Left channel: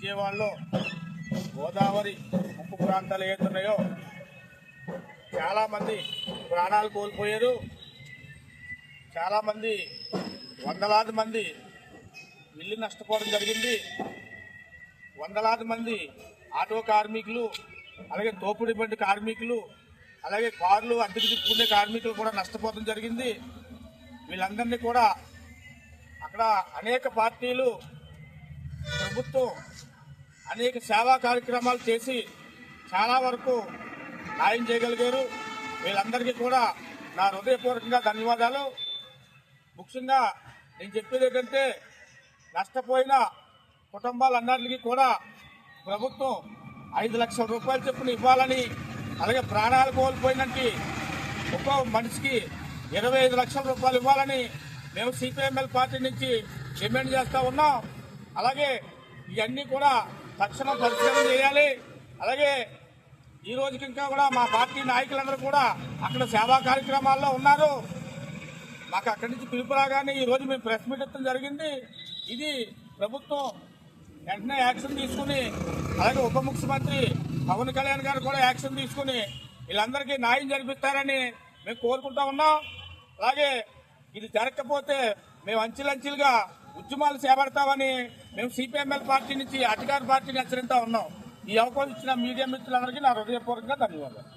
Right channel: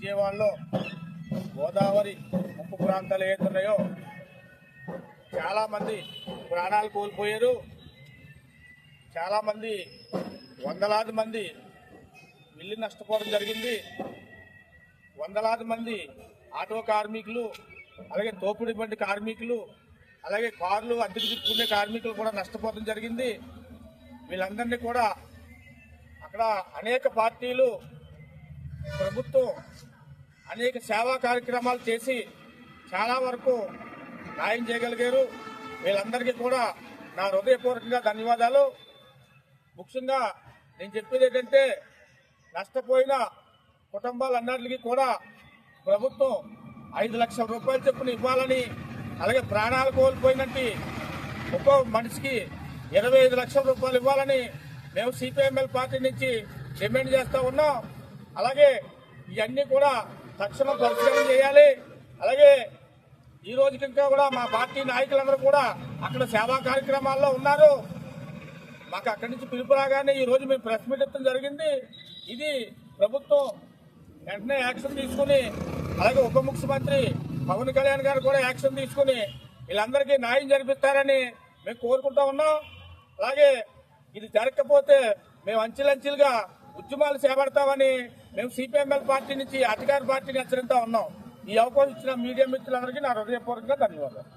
విజయవాడలో గోదావరి ముప్పు ప్రాంతాలు ఏతున్నాయో చాలామంది ప్రాణాలు కోల్పోయారు. చాలామంది వందలాది మంది ఇల్లు నష్టపోవడం జరిగింది. వందలాది మంది ఆటో కార్మికులు, అలాగే తోపుడు బండి కార్మికులు, అలాగే కార్లు అద్దెకు తిప్పుకునే కార్మికులు కూడా నష్టపోవడం జరిగింది. వీళ్ళందరినీ కూడా అక్కడ అనేక పార్టీలు, ప్రభుత్వం అనేక సేవా కార్యక్రమాలు చేసి చాలా వరకు న్యాయం చేయగలిగారు. వీళ్ళందరికీ కూడా నా హృదయపూర్వకంగా ధన్యవాదాలు. ముఖ్యంగా నేను చెప్పేది ఏంటంటే, నష్టపోయిన కుటుంబాలన్నింటికీ కూడా ప్రభుత్వం 5 లక్షల రూపాయలు చొప్పున ఇవ్వాలని, అలాగే ప్రాణాలు కోల్పోయినట్టు ఒక్కో మనిషికి 25 లక్షల రూపాయలు ఇవ్వాలని మేము సిపిఎంఎల్ పార్టీ నుంచి డిమాండ్ చేస్తూ ఉన్నాం. అలాగే ఇవన్నీ కూడా తక్షణం పరిశీలన చేయాలి. అలాగే ఈ రోజుకి ఇంకా కూడా మా పార్టీ నాయకులందరూ కూడా అక్కడ సేవా కార్యక్రమాల్లో ఉన్నారు. మాకు అక్కడి నుంచి పిలుపు రాగానే ఈ రోజు మేము ప్రెస్ మీట్ ఇవ్వడం జరిగింది. ఇది ప్రభుత్వం వెంటనే యాక్షన్ తీసుకుని, అలాగే ఉప ముఖ్యమంత్రి పవన్ కళ్యాణ్ గారు కూడా యాక్షన్ తీసుకుని వీళ్ళందరికీ న్యాయం జరిపిస్తారని మేము కోరుకుంటా ఉన్నాం. అలాగే ఇది జరగకపోతే మేము అంచెలంచెలుగా ఉద్యమాలు చేపడతామని మేము సిపిఎంఎల్ పార్టీ నుంచి అధికార పార్టీని హెచ్చరిస్తా ఉన్నాం. ఈ అవకాశం ఇచ్చిన మీడియా మిత్రులందరికీ నా హృదయపూర్వకంగా ధన్యవాదాలు.